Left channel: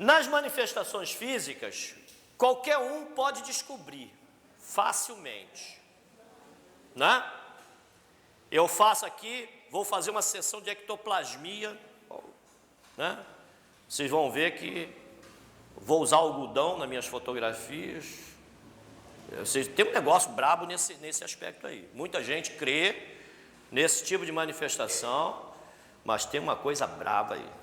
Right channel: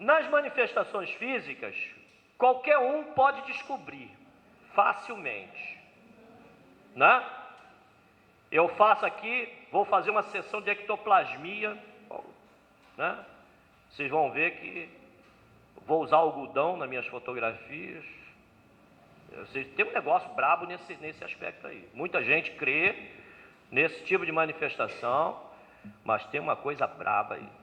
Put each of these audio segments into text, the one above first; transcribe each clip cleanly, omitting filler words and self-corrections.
Nas manifestações físicas, qualquer um pode descobrir facilmente, né? Eu faço aqui, vou fazer uma sessão de ectoplasmia, né? Vocês vão ver que vou usar algodão nas minhas fotografias. Tem um negócio brabo nesse aspecto aí. Muita gente crê nesse tipo de manifestação, mas tem uma coisa braba aí.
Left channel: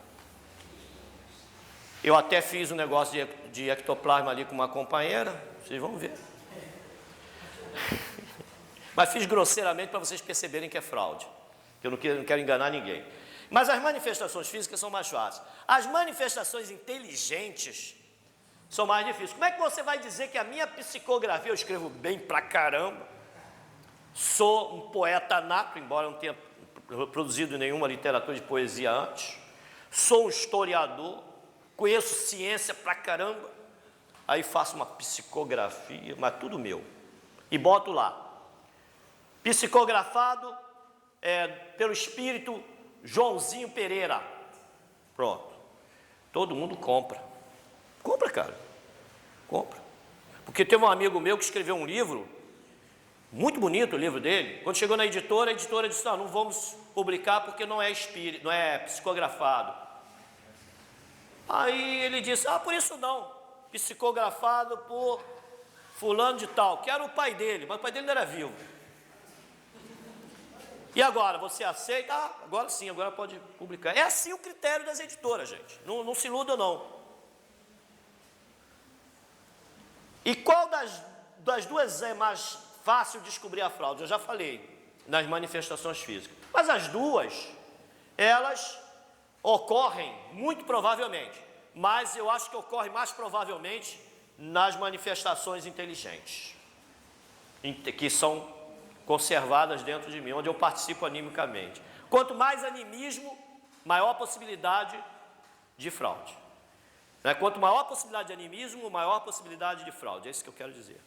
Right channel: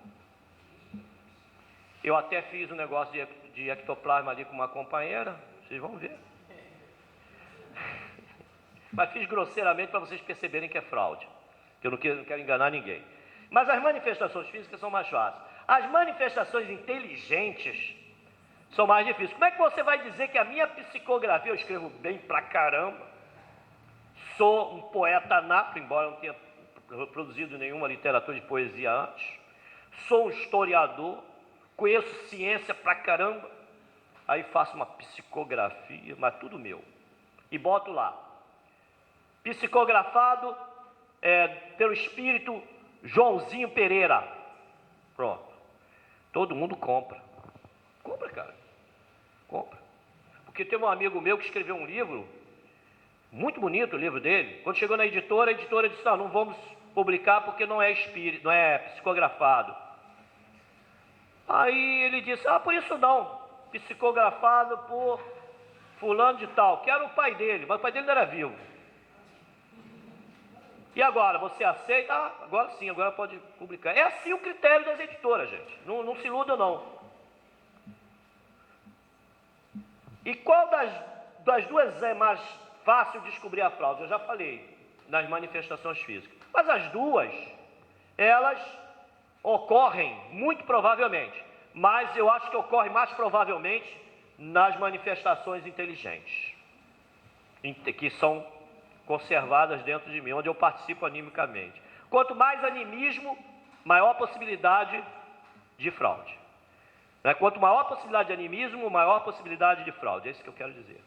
Eu até fiz um negócio de ectoplasma ali com uma companheira, vocês vão ver. Mas fiz grosseiramente para vocês perceberem que é fraude, que eu não quero enganar ninguém. Mas as manifestações físicas são mais fáceis. As manifestações inteligentes são mais difíceis. Como é que você vai dizer que a minha psicografia, eu escrevo bem pra caramba, sou um poeta nato, embora não tenha produzido nenhuma literatura de poesia antes, sou um historiador, conheço ciência pra caramba, aí faço uma psicografia, mas tudo meu, e boto lá, psicografado pelo espírito Joãozinho Pereira, pronto, todo mundo compra, cara, compra, porque teve um amigo meu que escreveu um livro, muito bonito o livro dele, quando chegou na editora, a editora disse, não vamos publicar porque não é psicografado. Aí ele disse, por isso não, psicografado por fulano de tal, que era o pai dele, mas o pai dele não era vivo. E agora, você aceita? Agora sim, agora pode publicar. É assim o critério das editoras, gente, não se iluda não. E qual das duas é mais fácil descobrir a fraude? Eu já falei, nas manifestações físicas. Mas as duas, elas ocorrem muito provavelmente, mas eu acho que ocorre mais provavelmente nas manifestações inteligentes, que são conservadas dentro de mim, onde eu participo animicamente. Quanto mais animismo, maior possibilidade de fraude. Quanto maior possibilidade de animismo, maior possibilidade de fraude. É isso que eu quero dizer.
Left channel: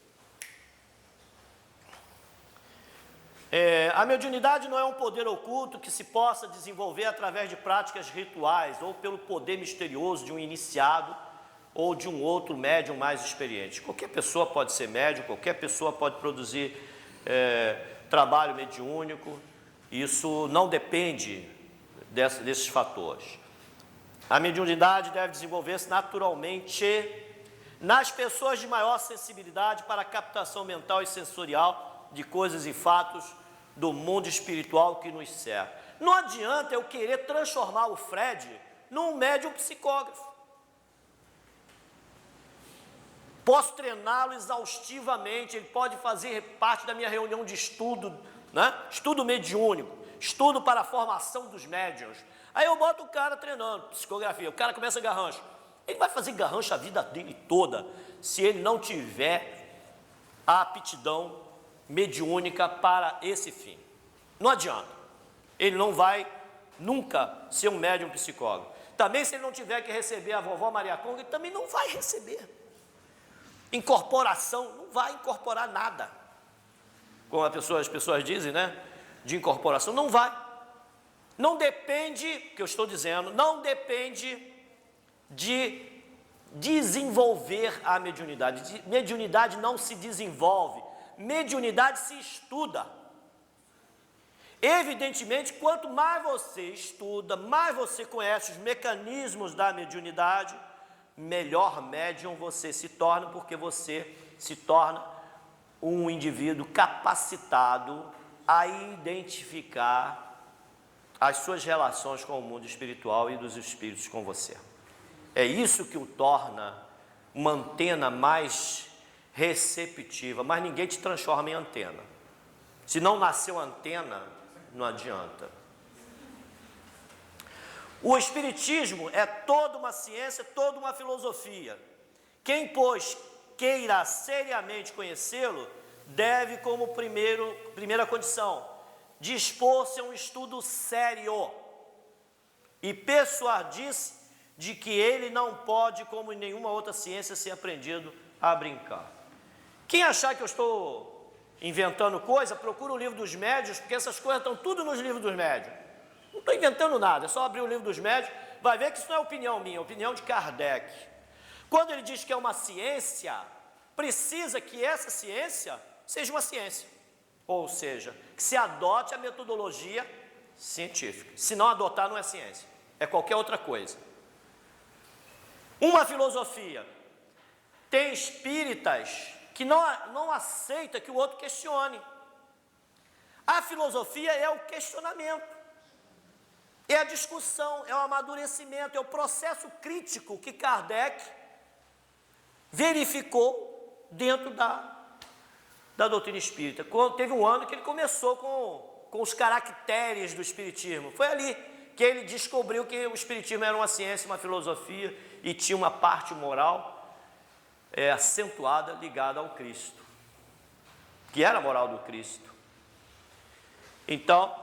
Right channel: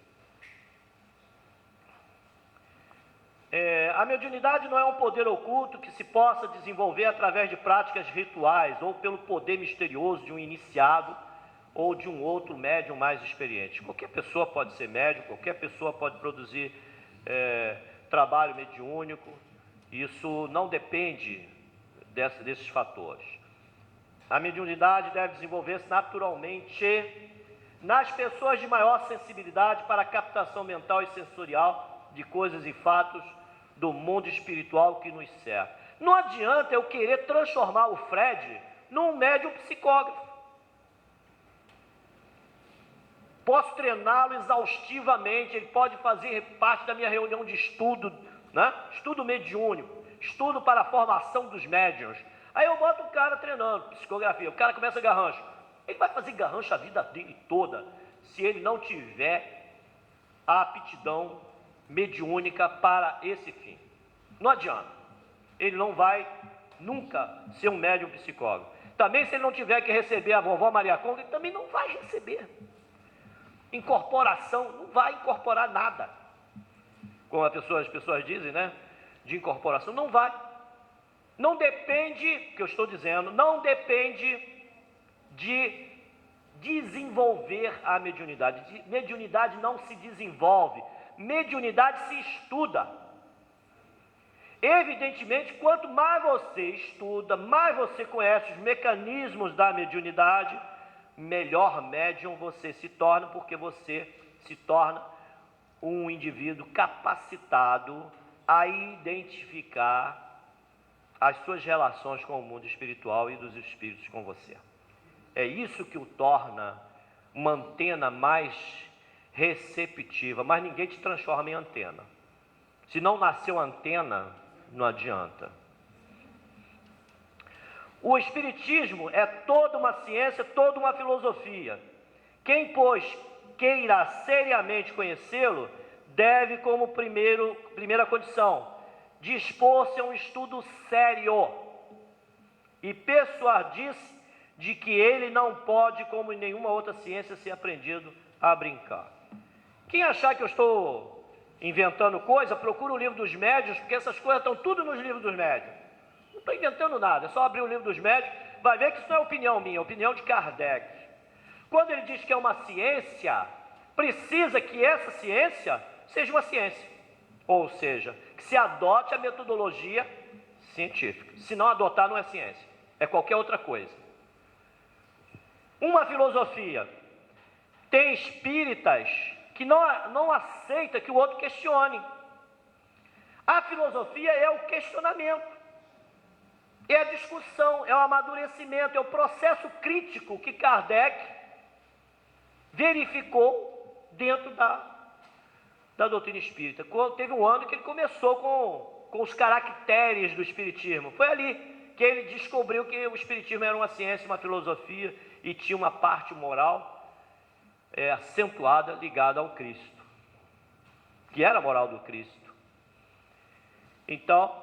A mediunidade não é um poder oculto que se possa desenvolver através de práticas rituais ou pelo poder misterioso de um iniciado ou de um outro médium mais experiente. Qualquer pessoa pode ser médium, qualquer pessoa pode produzir trabalho mediúnico. Isso não depende desses fatores. A mediunidade deve desenvolver-se naturalmente nas pessoas de maior sensibilidade para a captação mental e sensorial de coisas e fatos do mundo espiritual que nos cerca. Não adianta eu querer transformar o Fred num médium psicógrafo. Posso treiná-lo exaustivamente, ele pode fazer parte da minha reunião de estudo, né? Estudo mediúnico, estudo para a formação dos médiuns. Aí eu boto o cara treinando psicografia, o cara começa a garrancho. Ele vai fazer garrancho a vida dele toda, se ele não tiver a aptidão mediúnica para esse fim. Não adianta. Ele não vai nunca ser um médium psicólogo. Também se ele não tiver que receber a vovó Maria Conga, ele também não vai receber. Incorporação, não vai incorporar nada. Como as pessoas dizem, né? De incorporação, não vai. Não depende, que eu estou dizendo, não depende de desenvolver a mediunidade. Mediunidade não se desenvolve, mediunidade se estuda. Evidentemente, quanto mais você estuda, mais você conhece os mecanismos da mediunidade, melhor médium você se torna, porque você se torna um indivíduo capacitado a identificar as suas relações com o mundo espiritual e dos espíritos com você. É isso que o torna uma antena mais receptiva, mas ninguém te transforma em antena. Se não nasceu antena, não adianta. O Espiritismo é toda uma ciência, toda uma filosofia. Quem, pois, queira seriamente conhecê-lo, deve, como primeira condição, dispor-se a um estudo sério e persuadir-se de que ele não pode, como em nenhuma outra ciência, ser aprendido a brincar. Quem achar que eu estou inventando coisa, procura o livro dos médiuns, porque essas coisas estão tudo nos livros dos médiuns. Não estou inventando nada, é só abrir o livro dos médiuns, vai ver que isso não é opinião minha, é opinião de Kardec. Quando ele diz que é uma ciência, precisa que essa ciência seja uma ciência. Ou seja, que se adote a metodologia científica. Se não adotar, não é ciência, é qualquer outra coisa. Uma filosofia. Tem espíritas que não aceitam que o outro questione. A filosofia é o questionamento, é a discussão, é o amadurecimento, é o processo crítico que Kardec verificou dentro da doutrina espírita. Teve um ano que ele começou com os caracteres do espiritismo. Foi ali que ele descobriu que o espiritismo era uma ciência, uma filosofia e tinha uma parte moral acentuada, ligada ao Cristo, que era a moral do Cristo. Então,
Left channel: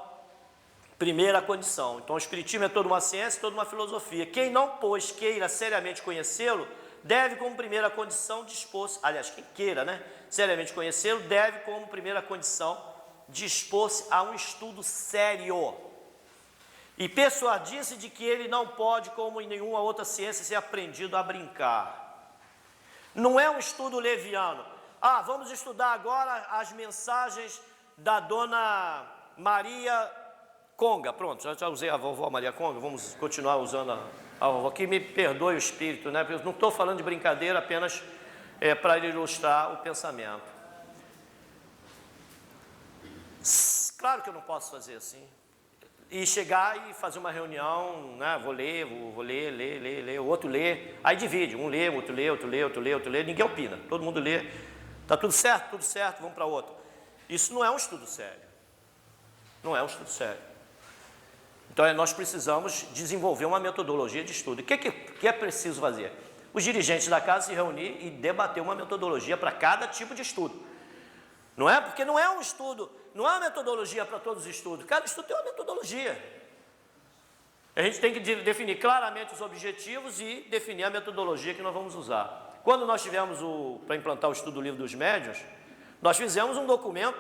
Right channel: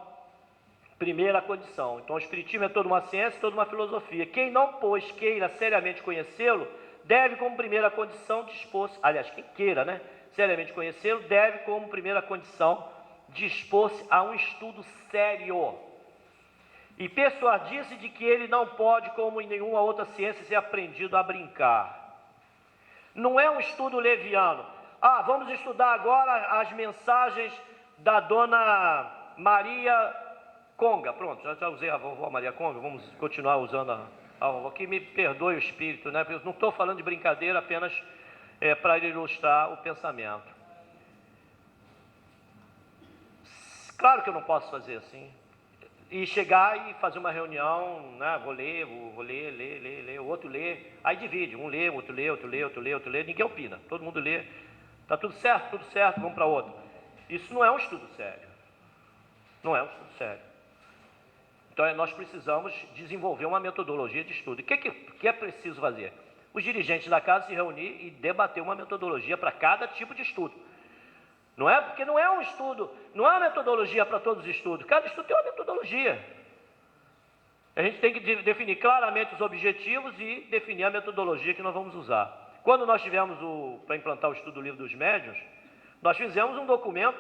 primeira condição. Então, o espiritismo é toda uma ciência, toda uma filosofia. Quem não, pois, queira seriamente conhecê-lo, deve, como primeira condição, dispor-se, aliás, quem queira, seriamente conhecê-lo, deve, como primeira condição, dispor-se a um estudo sério e persuadir-se de que ele não pode, como em nenhuma outra ciência, ser aprendido a brincar. Não é um estudo leviano. Vamos estudar agora as mensagens da Dona Maria Conga. Pronto, já usei a vovó Maria Conga, vamos continuar usando a vovó. Que me perdoe o espírito, Eu não estou falando de brincadeira, apenas para ilustrar o pensamento. Claro que eu não posso fazer assim. E chegar e fazer uma reunião, vou ler, ler, o outro lê, aí divide, um lê, outro lê, ninguém opina, todo mundo lê, está tudo certo, vamos para outro. Isso não é um estudo sério, não é um estudo sério. Então nós precisamos desenvolver uma metodologia de estudo. O que é preciso fazer? Os dirigentes da casa se reunir e debater uma metodologia para cada tipo de estudo. Não é? Porque não é um estudo, não é uma metodologia para todos os estudos. Cada estudo tem uma metodologia. A gente tem que definir claramente os objetivos e definir a metodologia que nós vamos usar. Quando nós tivemos para implantar o estudo do Livro dos Médiuns, nós fizemos um documento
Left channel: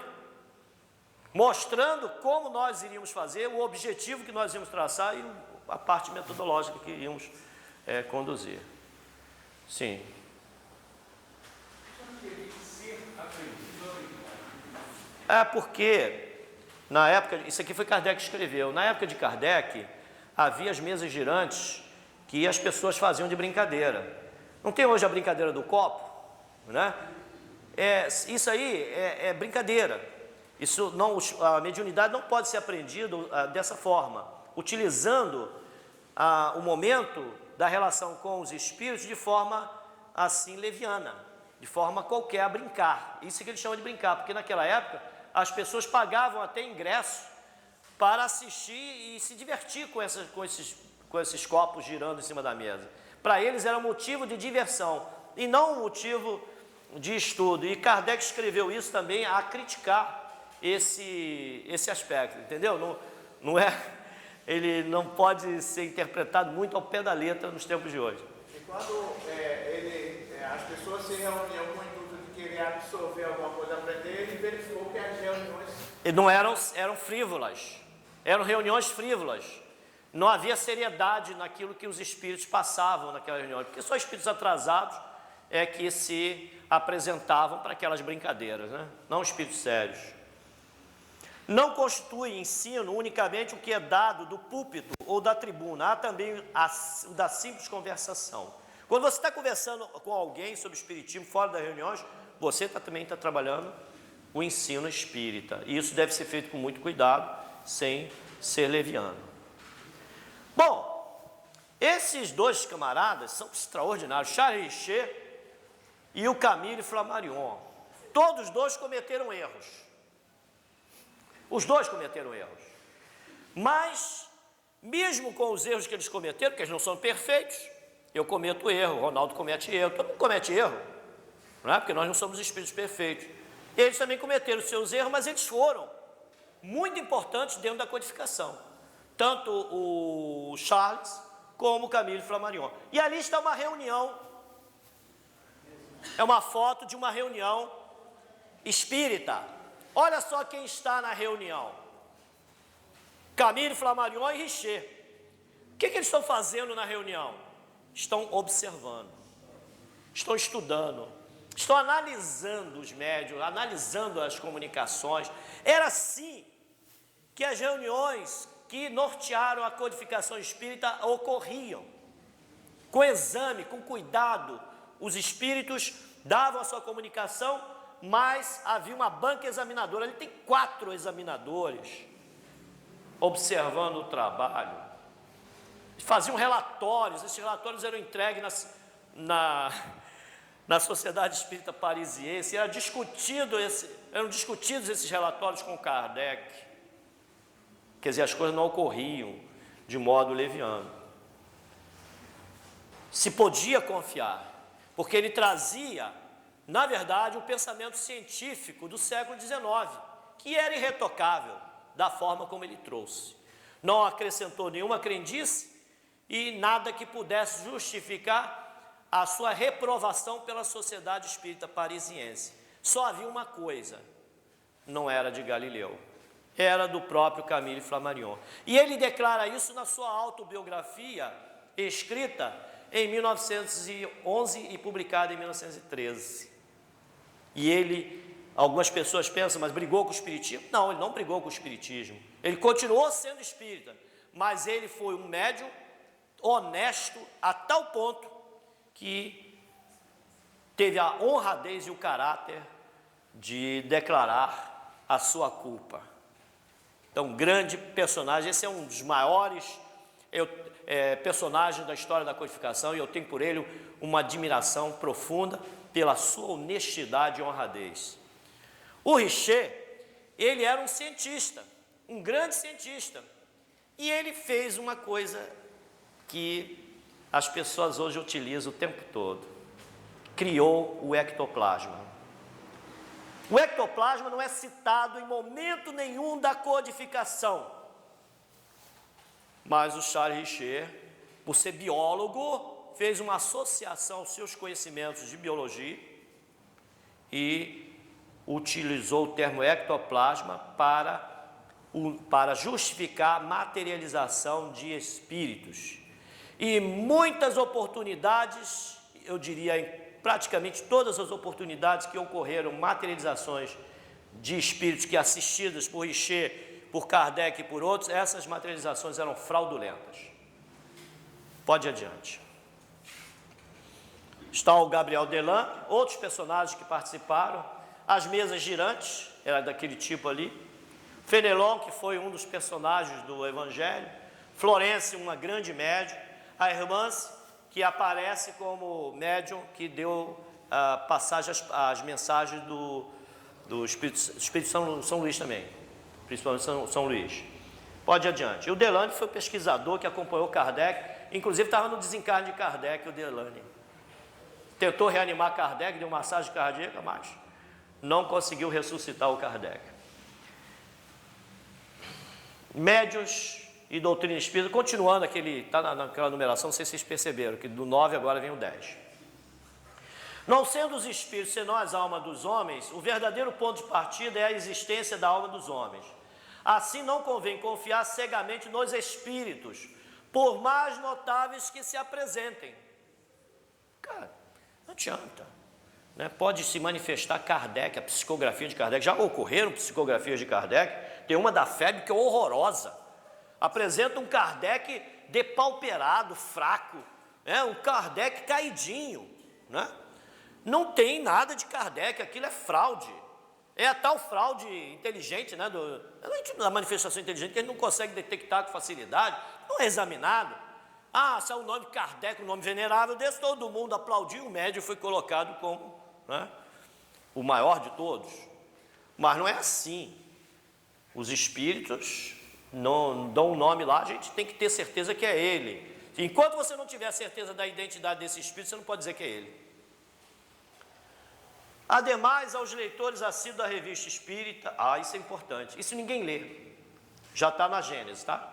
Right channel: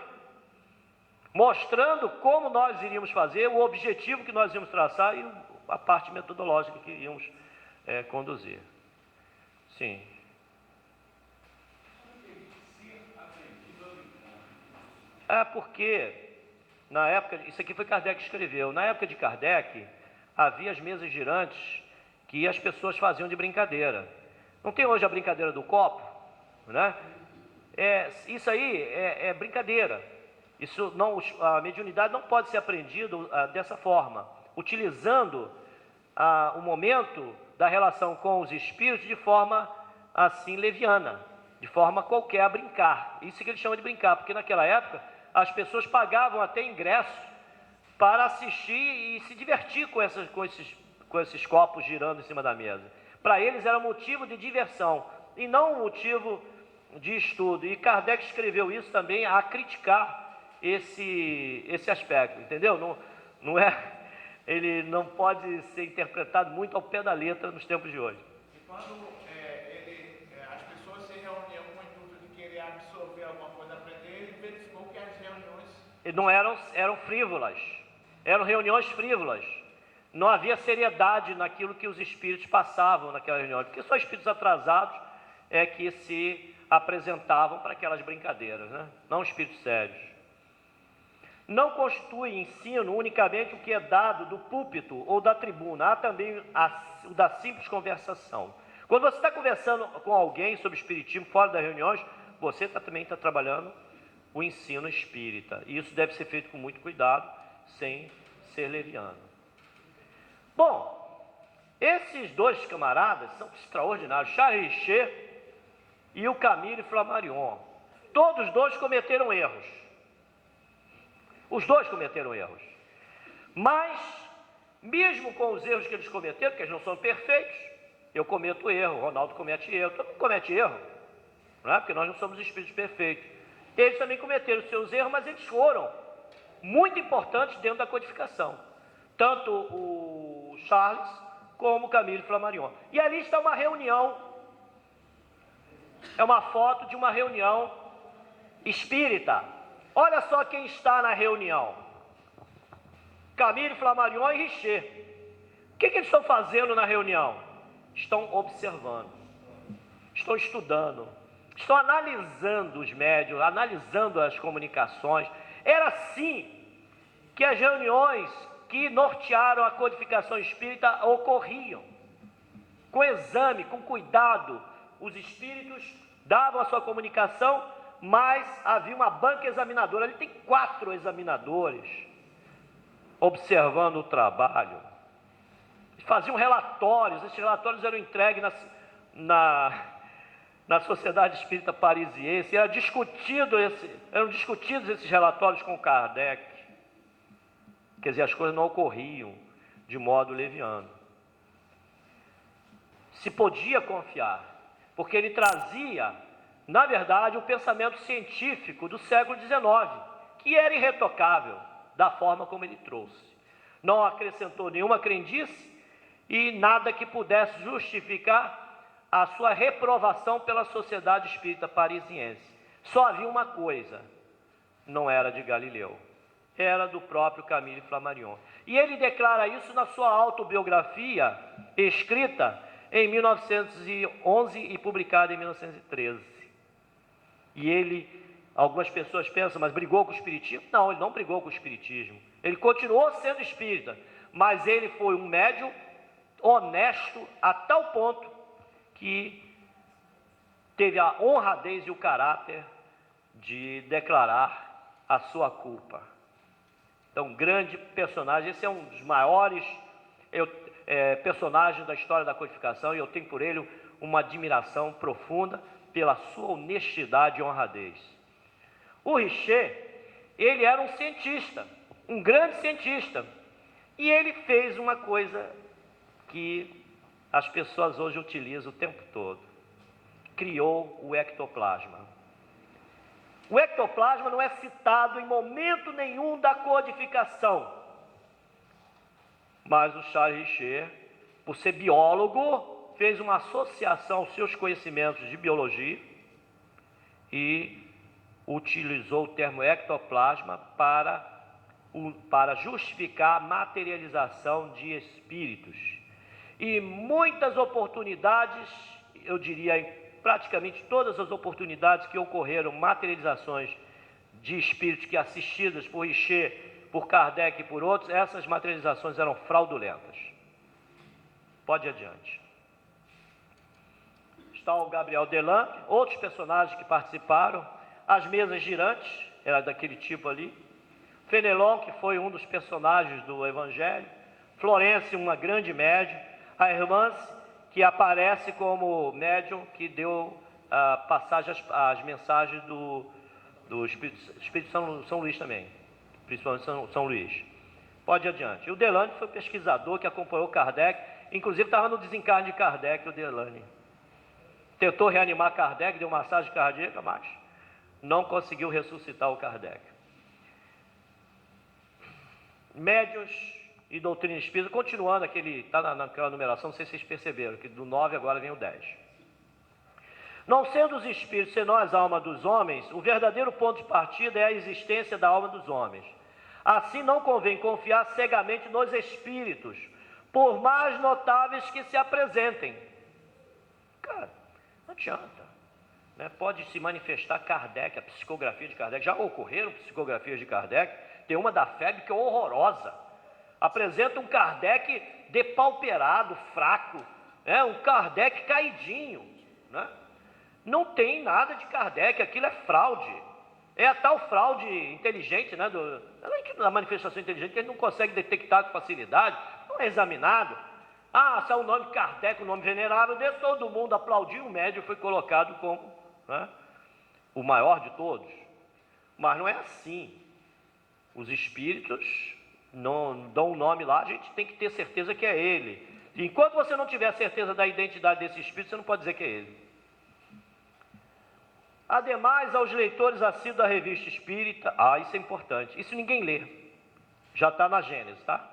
mostrando como nós iríamos fazer, o objetivo que nós íamos traçar e a parte metodológica que iríamos conduzir. Sim. Porque, na época, isso aqui foi Kardec que escreveu, na época de Kardec, havia as mesas girantes que as pessoas faziam de brincadeira. Não tem hoje a brincadeira do copo, isso aí é brincadeira. Isso não, a mediunidade não pode ser aprendida dessa forma, utilizando o momento da relação com os espíritos de forma assim leviana, de forma qualquer a brincar. Isso que eles chamam de brincar, porque naquela época as pessoas pagavam até ingresso para assistir e se divertir com esses copos girando em cima da mesa. Para eles era motivo de diversão e não motivo de estudo. E Kardec escreveu isso também a criticar esse aspecto, entendeu? Ele não pode ser interpretado muito ao pé da letra nos tempos de hoje. E quando as pessoas se reuniam com o intuito de querer absorver alguma coisa, aprender, ele verificou que as reuniões não eram frívolas, eram reuniões frívolas. Não havia seriedade naquilo que os espíritos passavam naquela reunião, porque só espíritos atrasados que se apresentavam para aquelas brincadeiras, não espíritos sérios. Não constitui ensino unicamente o que é dado do púlpito ou da tribuna, há também o da simples conversação. Quando você está conversando com alguém sobre espiritismo fora das reuniões, você também está trabalhando o ensino espírita. E isso deve ser feito com muito cuidado, sem ser leviano. Bom, esses dois camaradas são extraordinários, Charles Richer e o Camille Flammarion. Todos dois cometeram erros. Os dois cometeram erros. Mas, mesmo com os erros que eles cometeram, porque eles não são perfeitos, eu cometo erro, o Ronaldo comete erro, todo mundo comete erro, porque nós não somos espíritos perfeitos. Eles também cometeram seus erros, mas eles foram muito importantes dentro da codificação. Tanto o Charles como o Camille Flammarion. E ali está uma reunião, é uma foto de uma reunião espírita. Olha só quem está na reunião: Camille Flammarion e Richer. O que eles estão fazendo na reunião? Estão observando. estão estudando, estão analisando os médiuns, analisando as comunicações. Era assim que as reuniões que nortearam a codificação espírita ocorriam. Com exame, com cuidado, os espíritos davam a sua comunicação, mas havia uma banca examinadora. Ali tem 4 examinadores observando o trabalho. Faziam relatórios, esses relatórios eram entregues na Sociedade Espírita Parisiense, eram discutidos esses relatórios com Kardec. Quer dizer, as coisas não ocorriam de modo leviano. Se podia confiar, porque ele trazia, na verdade, o pensamento científico do século XIX, que era irretocável da forma como ele trouxe. Não acrescentou nenhuma crendice e nada que pudesse justificar a sua reprovação pela Sociedade Espírita Parisiense. Só havia uma coisa: não era de Galileu, era do próprio Camille Flammarion. E ele declara isso na sua autobiografia, escrita em 1911 e publicada em 1913. E algumas pessoas pensam, mas brigou com o espiritismo? Não, ele não brigou com o espiritismo. Ele continuou sendo espírita, mas ele foi um médium honesto a tal ponto que teve a honradez e o caráter de declarar a sua culpa. Então, grande personagem, esse é um dos maiores personagens da história da codificação, e eu tenho por ele uma admiração profunda pela sua honestidade e honradez. O Richer, ele era um cientista, um grande cientista, e ele fez uma coisa que as pessoas hoje utilizam o tempo todo: criou o ectoplasma. O ectoplasma não é citado em momento nenhum da codificação, mas o Charles Richer, por ser biólogo, fez uma associação aos seus conhecimentos de biologia e utilizou o termo ectoplasma para justificar a materialização de espíritos. E muitas oportunidades, eu diria praticamente todas as oportunidades que ocorreram, materializações de espíritos que assistidas por Richer, por Kardec e por outros, essas materializações eram fraudulentas. Pode ir adiante. Está o Gabriel Delan, outros personagens que participaram, as mesas girantes, era daquele tipo ali, Fenelon, que foi um dos personagens do Evangelho, Florence, uma grande médium, a Hermance, que aparece como médium que deu as mensagens do Espírito São Luís também, principalmente São Luís. Pode ir adiante. E o Delane foi pesquisador que acompanhou Kardec, inclusive estava no desencarne de Kardec, o Delane. Tentou reanimar Kardec, deu massagem cardíaca, mas não conseguiu ressuscitar o Kardec. Médios e doutrina espírita, continuando está naquela numeração, não sei se vocês perceberam, que do 9 agora vem o 10. Não sendo os espíritos senão as almas dos homens, o verdadeiro ponto de partida é a existência da alma dos homens. Assim não convém confiar cegamente nos espíritos, por mais notáveis que se apresentem. Cara, não adianta, né? Pode se manifestar Kardec, a psicografia de Kardec, já ocorreram psicografias de Kardec, tem uma da febre que é horrorosa. Apresenta um Kardec depauperado, fraco, um Kardec caidinho, né? Não tem nada de Kardec, aquilo é fraude. É a tal fraude inteligente, né? Da manifestação inteligente que a gente não consegue detectar com facilidade, não é examinado. Se é o nome Kardec, um nome venerável desse, todo mundo aplaudiu, o médium foi colocado como, né, o maior de todos. Mas não é assim. Os espíritos não dão um nome lá, a gente tem que ter certeza que é ele. Enquanto você não tiver certeza da identidade desse espírito, você não pode dizer que é ele. Ademais, aos leitores assíduos da revista espírita, isso é importante, isso ninguém lê, já está na Gênesis, tá?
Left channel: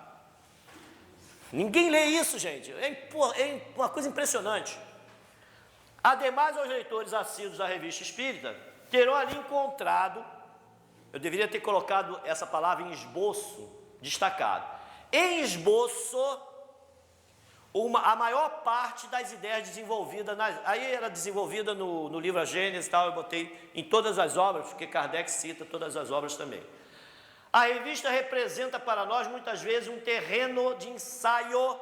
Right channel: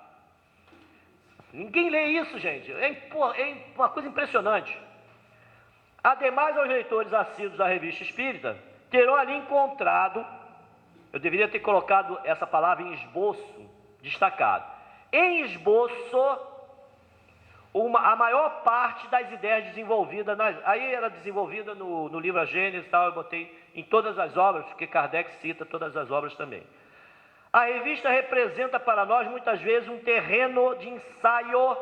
Ninguém lê isso, gente, é uma coisa impressionante. Ademais, aos leitores assíduos da revista espírita, terão ali encontrado, eu deveria ter colocado essa palavra em esboço, destacado, em esboço, a maior parte das ideias desenvolvidas, aí era desenvolvida no livro A Gênese, tal, eu botei em todas as obras, porque Kardec cita todas as obras também. A revista representa para nós, muitas vezes, um terreno de ensaio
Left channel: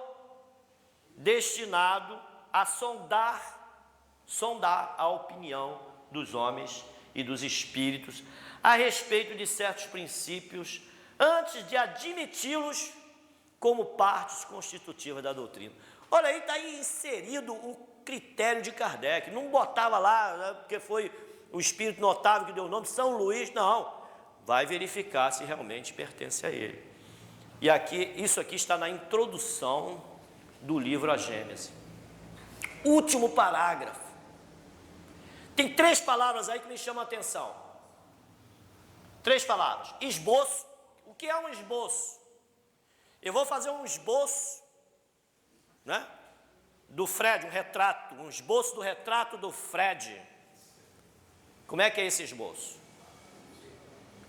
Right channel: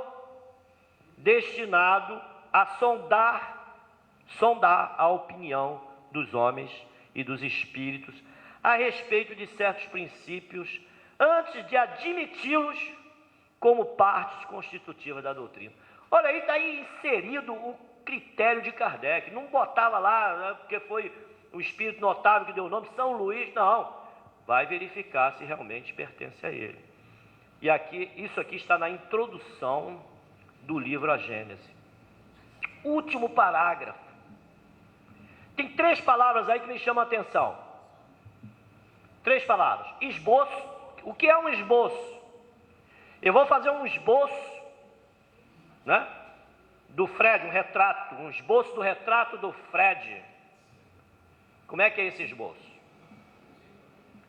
destinado a sondar a opinião dos homens e dos espíritos a respeito de certos princípios, antes de admiti-los como partes constitutivas da doutrina. Olha, aí está inserido o critério de Kardec. Não botava lá, né, porque foi o espírito notável que deu o nome, São Luís, não. Vai verificar se realmente pertence a ele. E aqui, isso aqui está na introdução do livro A Gênese. Último parágrafo. Tem 3 palavras aí que me chamam a atenção. 3 palavras. Esboço. O que é um esboço? Eu vou fazer um esboço, né, do Fred, um retrato, um esboço do retrato do Fred. Como é que é esse esboço?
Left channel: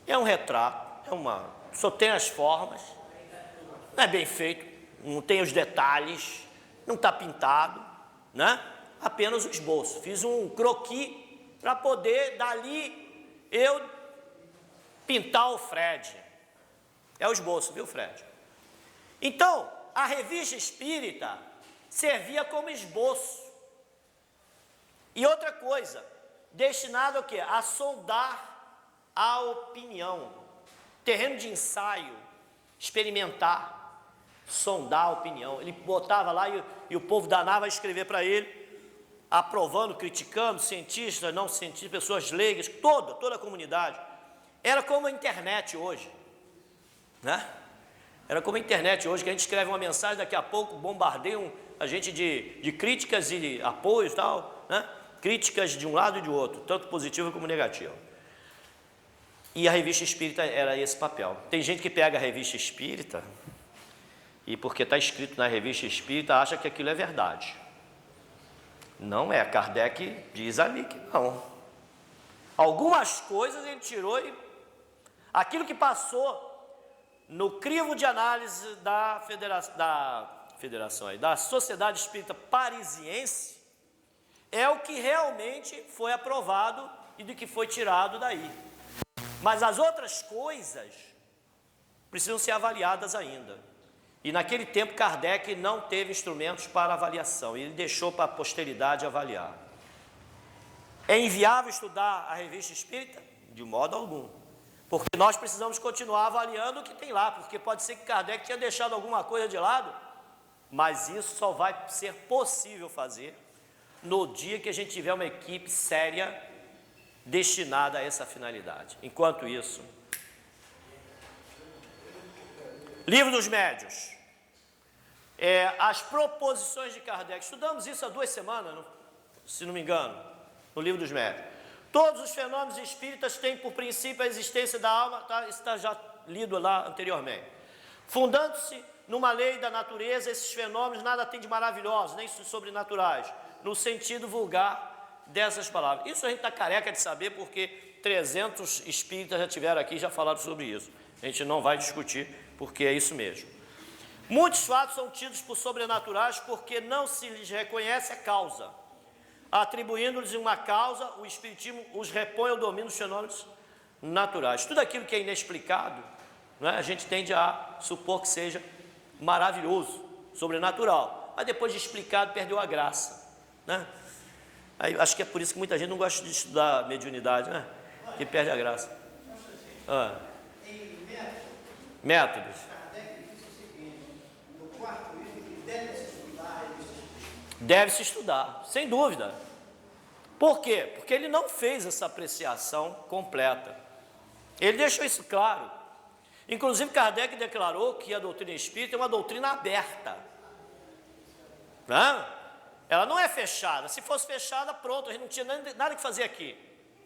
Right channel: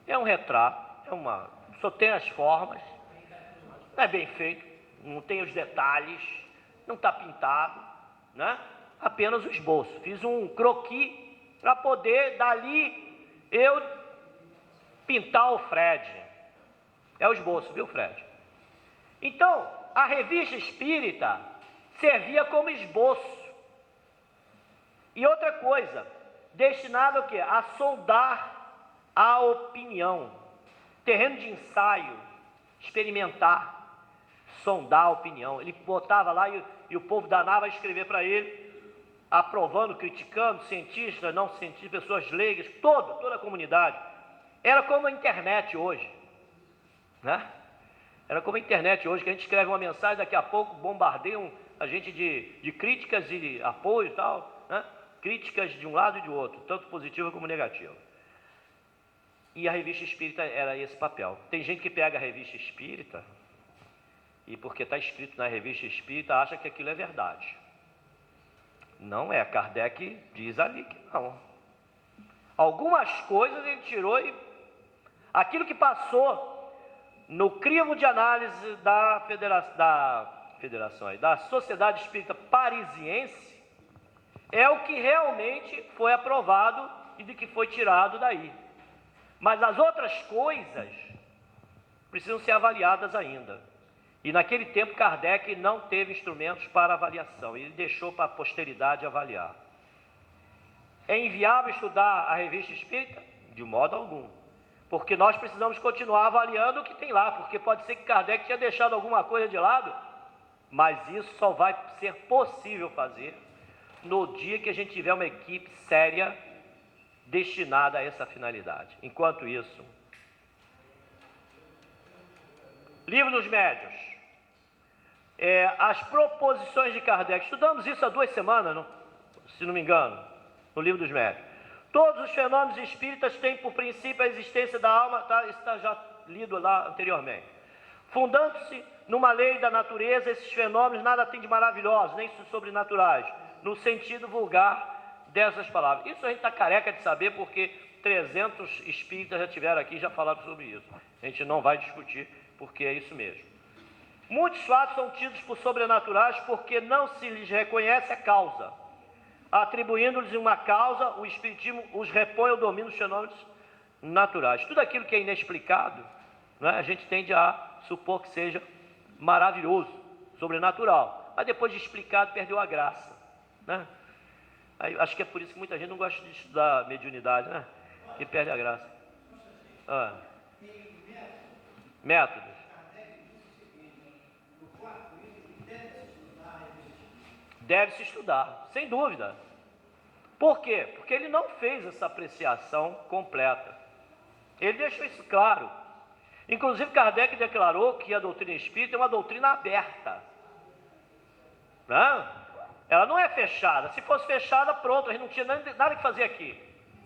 É um retrato, só tem as formas, não é bem feito, não tem os detalhes, não está pintado, né? Apenas o esboço. Fiz um croquis para poder, dali, eu pintar o Fred. É o esboço, viu, Fred? Então, a revista espírita servia como esboço. E outra coisa, destinado ao quê? A sondar a opinião. Terreno de ensaio, experimentar, sondar a opinião. Ele botava lá e o povo danava a escrever para ele, aprovando, criticando, cientistas, não cientistas, pessoas leigas, toda a comunidade. Era como a internet hoje, né? Era como a internet hoje, que a gente escreve uma mensagem, daqui a pouco bombardeiam a gente de críticas e apoios e tal, né? Críticas de um lado e de outro, tanto positiva como negativa. E a revista espírita era esse papel. Tem gente que pega a revista espírita e, porque está escrito na revista espírita, acha que aquilo é verdade. Não é. Kardec diz ali que não. Algumas coisas ele tirou e aquilo que passou no crivo de análise da Sociedade Espírita Parisiense é o que realmente foi aprovado e do que foi tirado daí. Mas as outras coisas precisam ser avaliadas ainda. E naquele tempo Kardec não teve instrumentos para avaliação, e ele deixou para a posteridade avaliar. É inviável estudar a revista espírita? De modo algum. Porque nós precisamos continuar avaliando o que tem lá, porque pode ser que Kardec tenha deixado alguma coisa de lado, mas isso só vai ser possível fazer no dia que a gente tiver uma equipe séria destinada a essa finalidade. Enquanto isso, Livro dos Médiuns, as proposições de Kardec, estudamos isso há 2 semanas, se não me engano, no Livro dos Médiuns. Todos os fenômenos espíritas têm por princípio a existência da alma, tá? Isso está já lido lá anteriormente. Fundando-se numa lei da natureza, esses fenômenos nada têm de maravilhosos, nem sobrenaturais, no sentido vulgar dessas palavras. Isso a gente está careca de saber, porque 300 espíritas já tiveram aqui e já falaram sobre isso. A gente não vai discutir, porque é isso mesmo. Muitos fatos são tidos por sobrenaturais porque não se lhes reconhece a causa. Atribuindo-lhes uma causa, o Espiritismo os repõe ao domínio dos fenômenos naturais. Tudo aquilo que é inexplicado, né, a gente tende a supor que seja maravilhoso, sobrenatural. Mas depois de explicado, perdeu a graça, né? Aí, acho que é por isso que muita gente não gosta de estudar mediunidade, né? Que perde a graça. Métodos. Deve-se estudar, sem dúvida. Por quê? Porque ele não fez essa apreciação completa. Ele deixou isso claro. Inclusive, Kardec declarou que a doutrina espírita é uma doutrina aberta. Não? Ela não é fechada. Se fosse fechada, pronto, a gente não tinha nada que fazer aqui.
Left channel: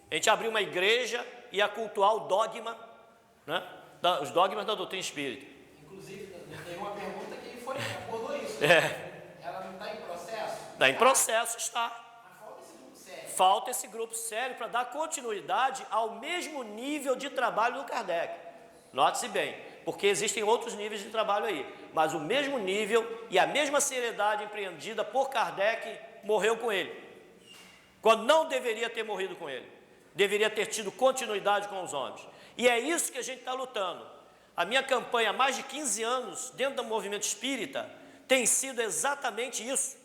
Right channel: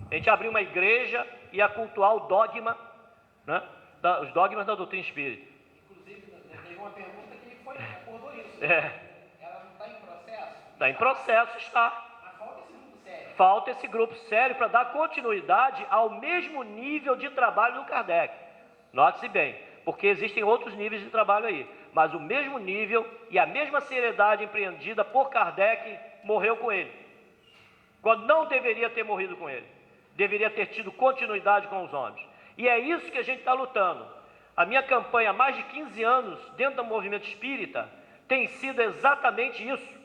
A gente abriu uma igreja e ia cultuar o dogma, né? Os dogmas da doutrina espírita. Inclusive, tem uma pergunta que abordou isso. Ela não está em processo? Está em processo, está. Mas falta esse grupo sério. Falta esse grupo sério para dar continuidade ao mesmo nível de trabalho do Kardec. Note-se bem, porque existem outros níveis de trabalho aí. mas o mesmo nível e a mesma seriedade empreendida por Kardec morreu com ele, quando não deveria ter morrido com ele, deveria ter tido continuidade com os homens. E é isso que a gente está lutando. A minha campanha há mais de 15 anos dentro do movimento espírita tem sido exatamente isso.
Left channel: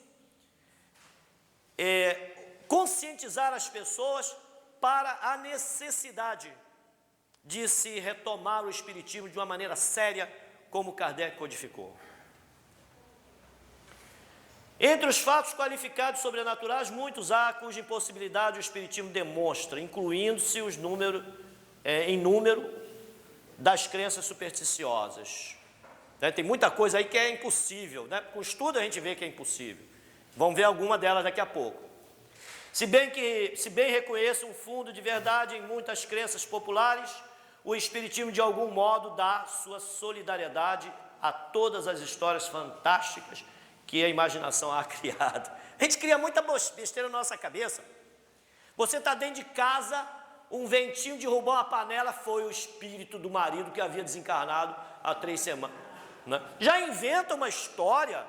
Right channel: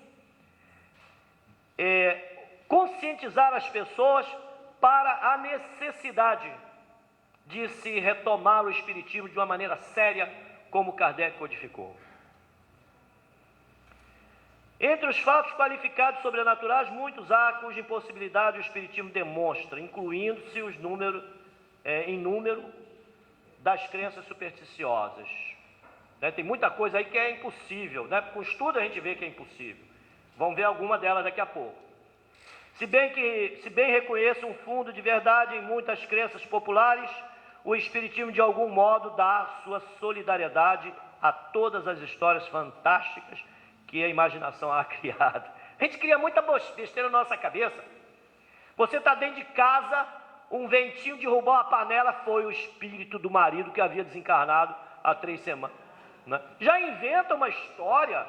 Conscientizar as pessoas para a necessidade de se retomar o espiritismo de uma maneira séria, como Kardec codificou. Entre os fatos qualificados sobrenaturais, muitos há cuja impossibilidade o espiritismo demonstra, incluindo-se em número das crenças supersticiosas. Tem muita coisa aí que é impossível, com o estudo a gente vê que é impossível. Vamos ver alguma delas daqui a pouco. Se bem reconheço um fundo de verdade em muitas crenças populares, o espiritismo de algum modo dá sua solidariedade a todas as histórias fantásticas que a imaginação há criado. A gente cria muita besteira na nossa cabeça. Você está dentro de casa, um ventinho derrubou a panela, foi o espírito do marido que havia desencarnado há 3 semanas. Já inventa uma história,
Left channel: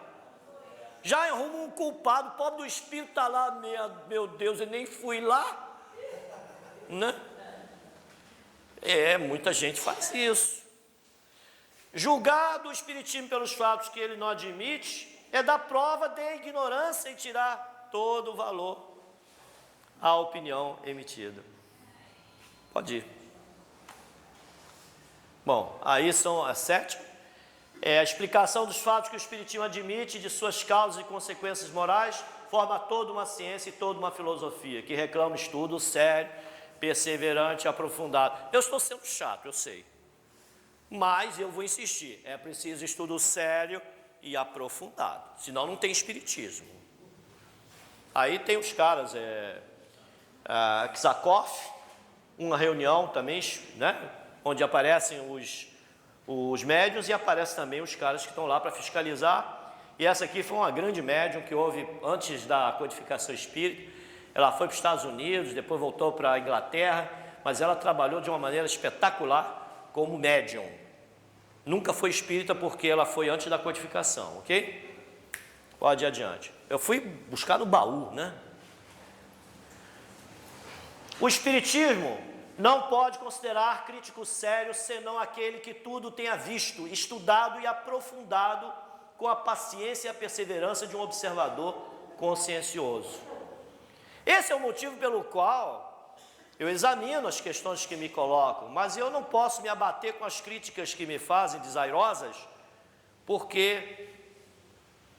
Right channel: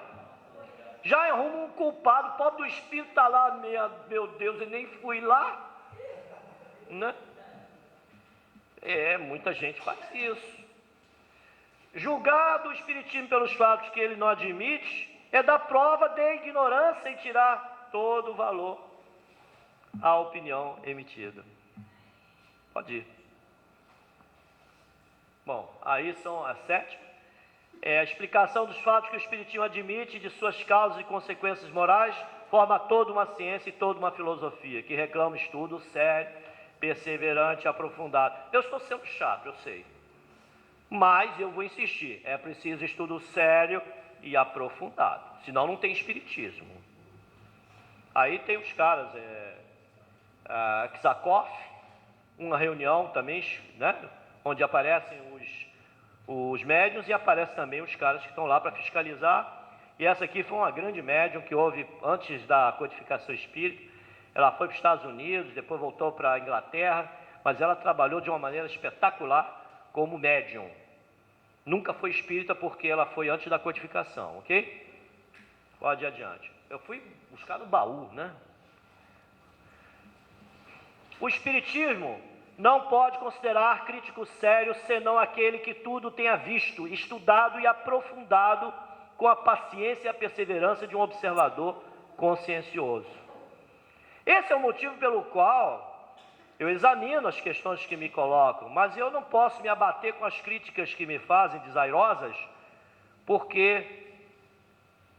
já arruma um culpado, o pobre do espírito está lá, meu Deus, eu nem fui lá. Muita gente faz isso. Julgar do espiritismo pelos fatos que ele não admite é dar prova de ignorância e tirar todo o valor à opinião emitida. Pode ir. Bom, aí são as 7. A explicação dos fatos que o espiritismo admite, de suas causas e consequências morais, forma toda uma ciência e toda uma filosofia, que reclama estudo sério, perseverante e aprofundado. Eu estou sendo chato, eu sei. Mas eu vou insistir, é preciso estudo sério e aprofundado, senão não tem espiritismo. Aí tem os caras, Ksakoff, uma reunião também, onde aparecem os médiuns e aparecem também os caras que estão lá para fiscalizar. E essa aqui foi uma grande médium que houve antes da codificação espírita. Ela foi para os Estados Unidos, depois voltou para a Inglaterra, mas ela trabalhou de uma maneira espetacular como médium. Nunca foi espírita porque ela foi antes da codificação, ok? Pode ir adiante. Eu fui buscar no baú, O espiritismo não pode considerar crítico sério senão aquele que tudo tenha visto, estudado e aprofundado com a paciência e a perseverança de um observador consciencioso. Esse é o motivo pelo qual eu examino as questões que me colocam, mas eu não posso me abater com as críticas que me fazem desairosas, porque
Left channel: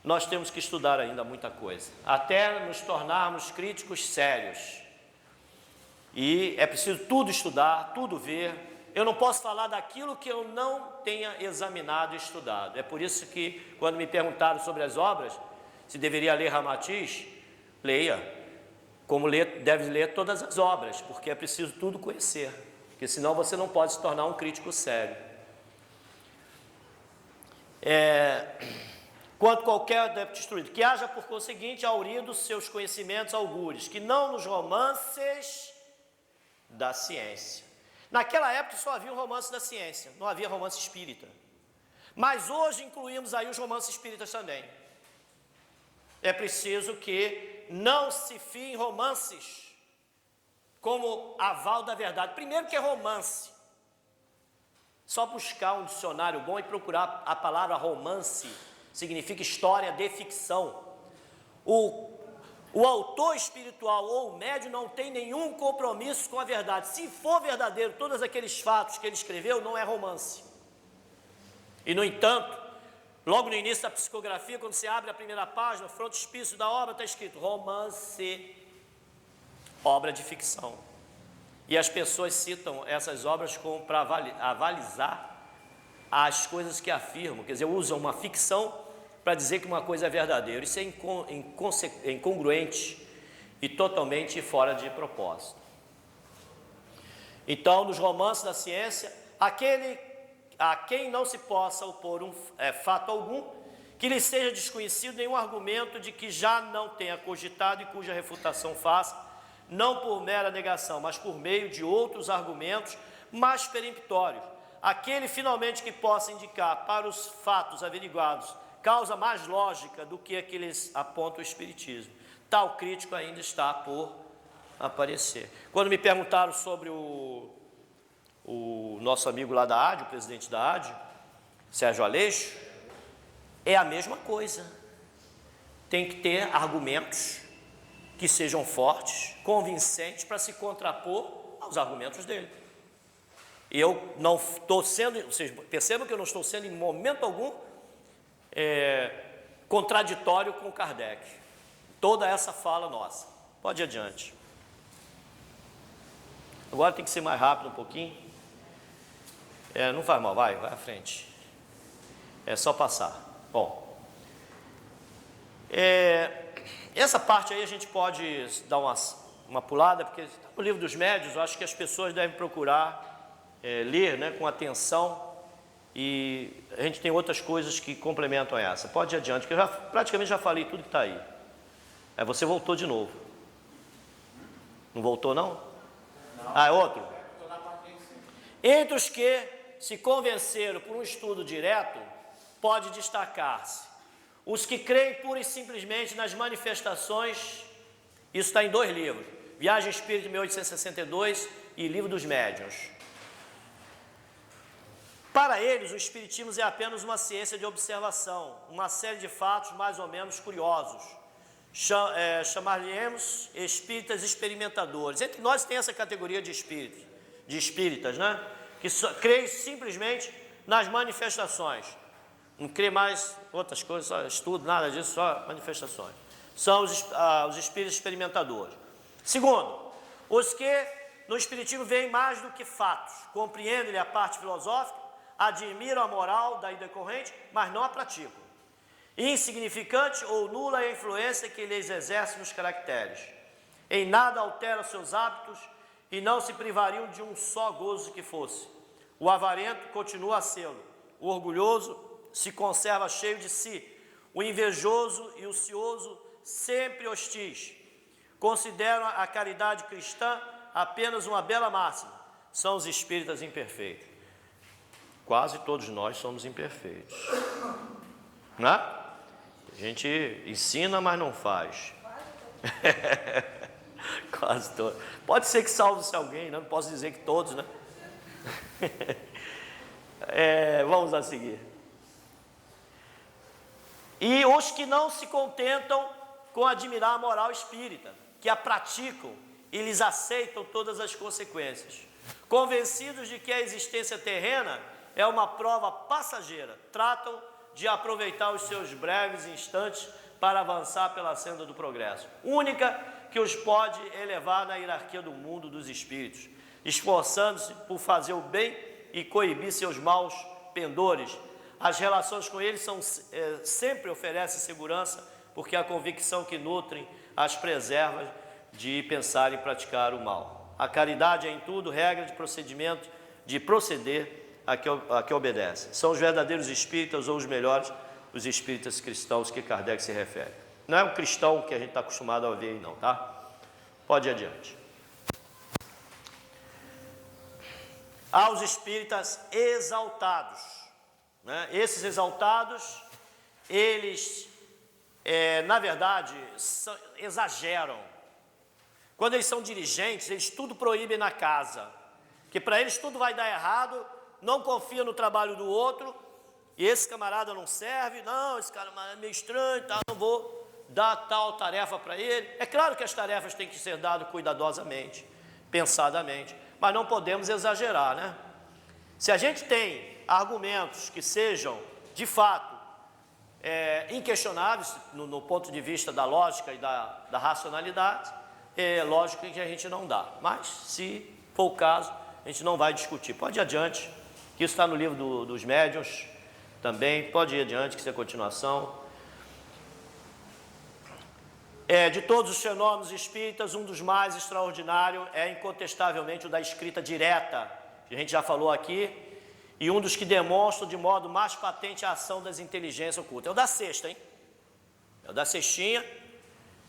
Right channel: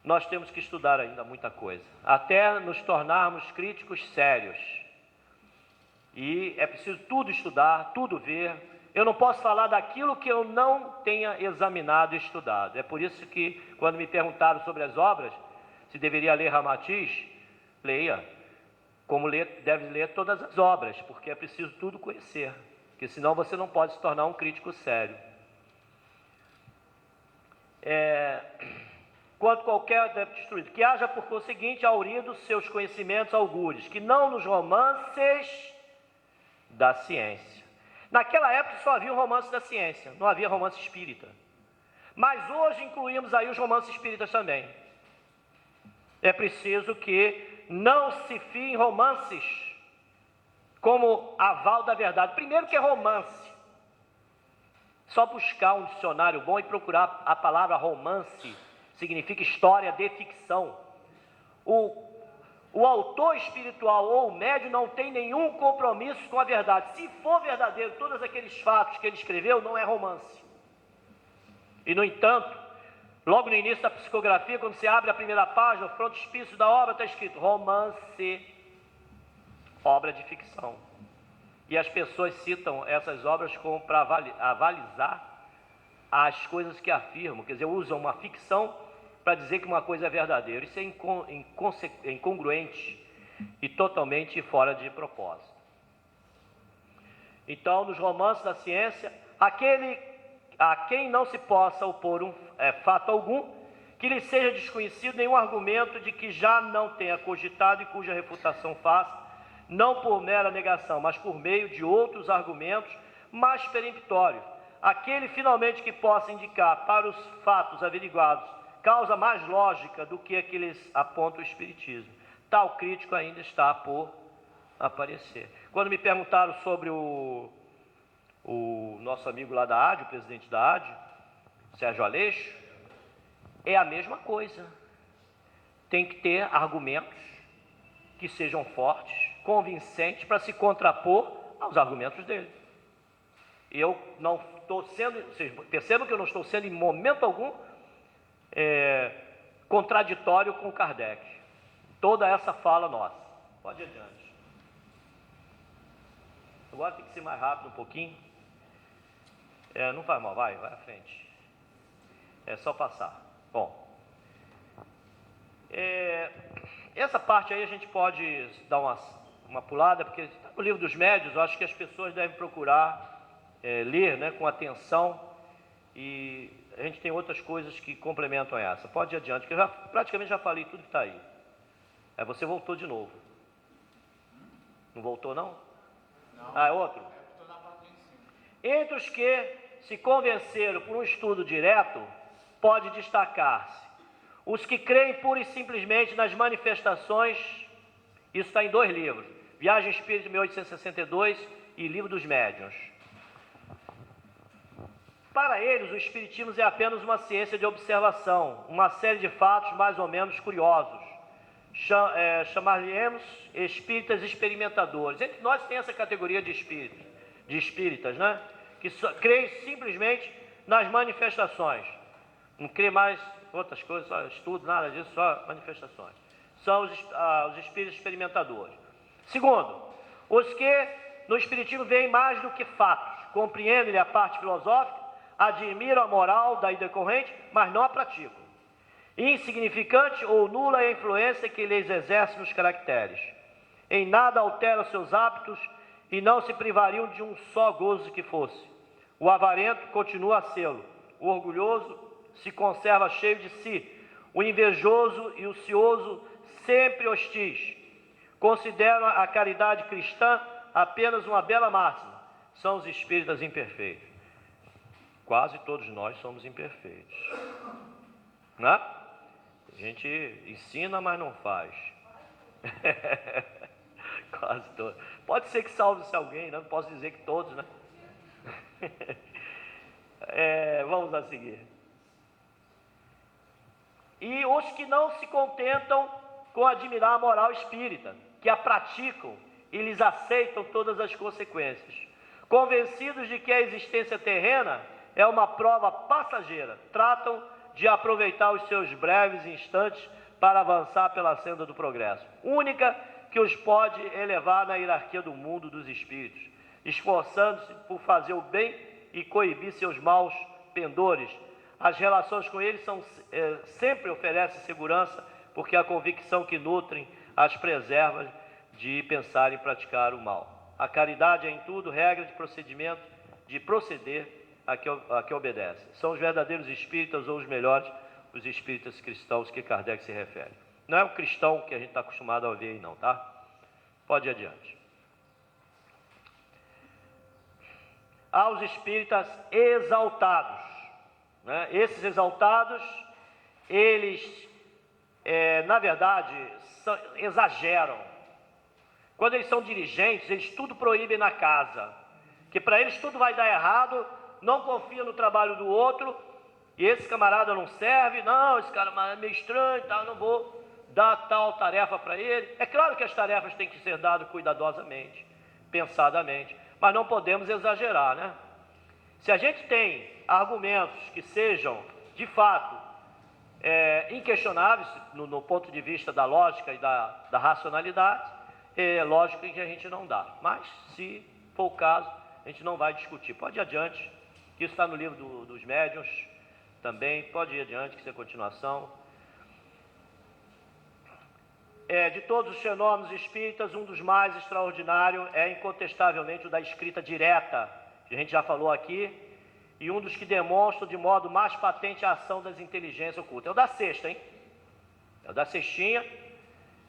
nós temos que estudar ainda muita coisa, até nos tornarmos críticos sérios. E é preciso tudo estudar, tudo ver. Eu não posso falar daquilo que eu não tenha examinado e estudado. É por isso que, quando me perguntaram sobre as obras, se deveria ler Ramatiz, leia. Como deve ler todas as obras, porque é preciso tudo conhecer, porque senão você não pode se tornar um crítico sério. Quanto qualquer adepto instruído, que haja por conseguinte aurindo seus conhecimentos augures, que não nos romances da ciência. Naquela época só havia o romance da ciência, não havia romance espírita. Mas hoje incluímos aí os romances espíritas também. É preciso que não se fie em romances como aval da verdade. Primeiro que é romance. Só buscar um dicionário bom e procurar a palavra romance, significa história de ficção. O autor espiritual ou o médium não tem nenhum compromisso com a verdade. Se for verdadeiro, todos aqueles fatos que ele escreveu, não é romance. E, no entanto, logo no início da psicografia, quando você abre a primeira página, o frontispício da obra está escrito romance, obra de ficção. E as pessoas citam essas obras como para avalizar as coisas que afirmam, quer dizer, usam uma ficção para dizer que uma coisa é verdadeira. Isso é incongruente e totalmente fora de propósito. Então, nos romances da ciência, a quem não se possa opor fato algum, que lhe seja desconhecido nenhum argumento de que já não tenha cogitado e cuja refutação faça, não por mera negação, mas por meio de outros argumentos mais peremptórios, aquele finalmente que possa indicar para os fatos averiguados causa mais lógica do que aqueles aponta o Espiritismo. Tal crítico ainda está por aparecer. Quando me perguntaram sobre o nosso amigo lá da AD, o presidente da AD, Sérgio Aleixo, é a mesma coisa. Tem que ter argumentos que sejam fortes, convincentes, para se contrapor aos argumentos dele. Eu não estou sendo, vocês percebam que eu não estou sendo em momento algum contraditório com Kardec. Toda essa fala nossa. Pode ir adiante. Agora tem que ser mais rápido um pouquinho. Não faz mal, vai à frente. É só passar. Bom. Essa parte aí a gente pode dar uma pulada, porque no livro dos médiuns eu acho que as pessoas devem procurar ler, né, com atenção, e a gente tem outras coisas que complementam essa. Pode ir adiante, que eu praticamente já falei tudo que está aí. Você voltou de novo. Não voltou, não? Não. É outro? Entre os que se convenceram por um estudo direto, pode destacar-se os que creem pura e simplesmente nas manifestações. Isso está em 2 livros, Viagem Espírita de 1862 e Livro dos Médiuns. Para eles, o Espiritismo é apenas uma ciência de observação, uma série de fatos mais ou menos curiosos. Chamar-lhe-emos espíritas experimentadores. Entre nós tem essa categoria de espíritas, né? Que creem simplesmente nas manifestações. Não crê mais outras coisas, só estudo, nada disso, só manifestações. São os espíritos experimentadores. Segundo, os que no Espiritismo veem mais do que fatos, compreendem a parte filosófica, admiram a moral daí decorrente, mas não a praticam. Insignificante ou nula é a influência que lhes exerce nos caracteres. Em nada alteram seus hábitos e não se privariam de um só gozo que fosse. O avarento continua a sê-lo. O orgulhoso se conserva cheio de si. O invejoso e o cioso sempre hostis. Consideram a caridade cristã apenas uma bela máxima. São os espíritas imperfeitos. Quase todos nós somos imperfeitos. Não é? A gente ensina, mas não faz. Quase todos. Pode ser que salve-se alguém, né? Não posso dizer que todos, né? Vamos a seguir. E os que não se contentam com admirar a moral espírita, que a praticam e lhes aceitam todas as consequências. Convencidos de que a existência terrena é uma prova passageira, tratam de aproveitar os seus breves instantes para avançar pela senda do progresso, única que os pode elevar na hierarquia do mundo dos espíritos, esforçando-se por fazer o bem e coibir seus maus pendores. As relações com eles sempre oferecem segurança, porque a convicção que nutrem as preserva de pensar em praticar o mal. A caridade é em tudo regra de procedimento, de proceder a que obedece. São os verdadeiros espíritas ou os melhores, os espíritas cristãos que Kardec se refere. Não é o cristão que a gente está acostumado a ver aí não, tá? Pode ir adiante. Há os espíritas exaltados, né? Esses exaltados, eles, na verdade, exageram. Quando eles são dirigentes, eles tudo proíbem na casa, que para eles tudo vai dar errado, não confia no trabalho do outro, e esse camarada não serve, não, esse cara é meio estranho, tá, não vou dar tal tarefa para ele. É claro que as tarefas têm que ser dadas cuidadosamente, pensadamente, mas não podemos exagerar, né? Se a gente tem argumentos que sejam, de fato, inquestionáveis no ponto de vista da lógica e da racionalidade, é lógico que a gente não dá, mas se for o caso, a gente não vai discutir. Pode ir adiante, que isso está no livro dos médiuns também, pode ir adiante, que isso é continuação. De todos os fenômenos espíritas, um dos mais extraordinários é incontestavelmente o da escrita direta, que a gente já falou aqui, e um dos que demonstram de modo mais patente a ação das inteligências ocultas. É o da sexta, hein? É o da sextinha.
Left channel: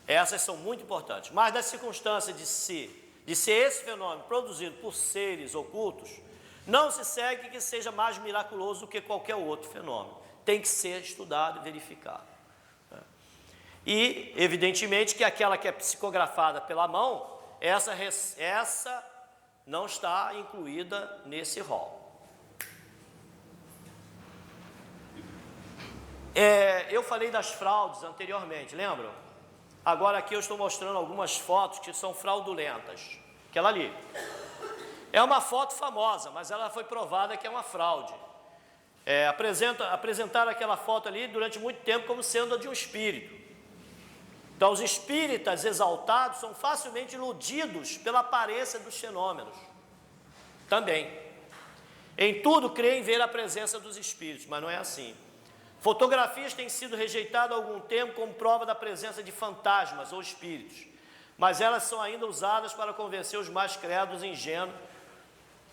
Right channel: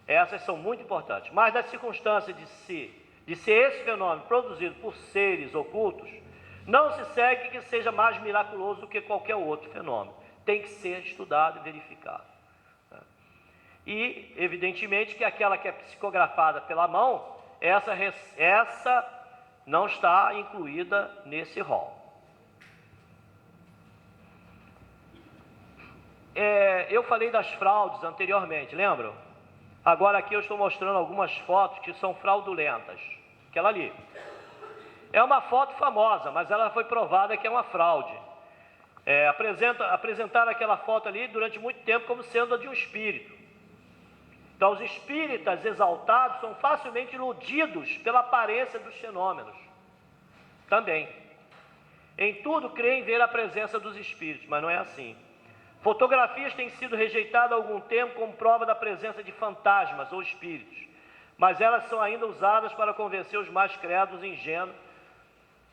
Essas são muito importantes. Mas da circunstância de ser esse fenômeno produzido por seres ocultos, não se segue que seja mais miraculoso do que qualquer outro fenômeno. Tem que ser estudado e verificado. E, evidentemente, que aquela que é psicografada pela mão, essa não está incluída nesse rol. Eu falei das fraudes anteriormente, lembram? Agora aqui eu estou mostrando algumas fotos que são fraudulentas. Aquela ali. É uma foto famosa, mas ela foi provada que é uma fraude. Apresentaram aquela foto ali durante muito tempo como sendo a de um espírito. Então, os espíritas exaltados são facilmente iludidos pela aparência dos fenômenos. Também. Em tudo creem ver a presença dos espíritos, mas não é assim. Fotografias têm sido rejeitadas há algum tempo como prova da presença de fantasmas ou espíritos, mas elas são ainda usadas para convencer os mais credos e ingênuos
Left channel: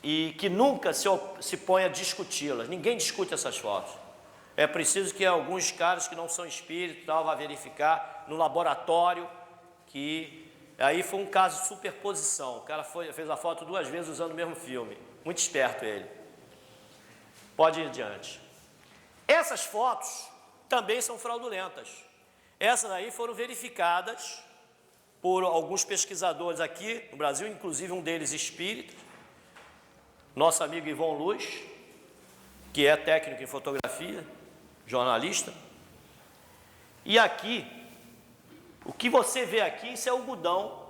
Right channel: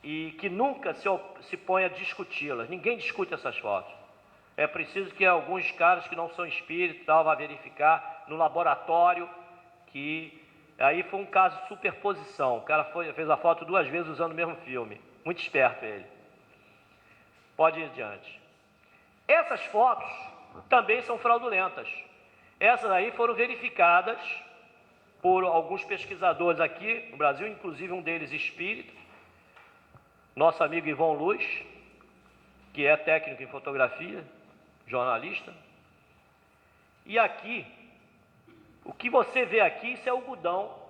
e que nunca se põe a discuti-las. Ninguém discute essas fotos. É preciso que alguns caras que não são espíritos vá verificar no laboratório, que aí foi um caso de superposição. O cara fez a foto 2 vezes usando o mesmo filme. Muito esperto ele. Pode ir adiante. Essas fotos também são fraudulentas. Essas aí foram verificadas por alguns pesquisadores aqui no Brasil, inclusive um deles espírita, nosso amigo Ivon Luz, que é técnico em fotografia, jornalista. E aqui, o que você vê aqui, isso é algodão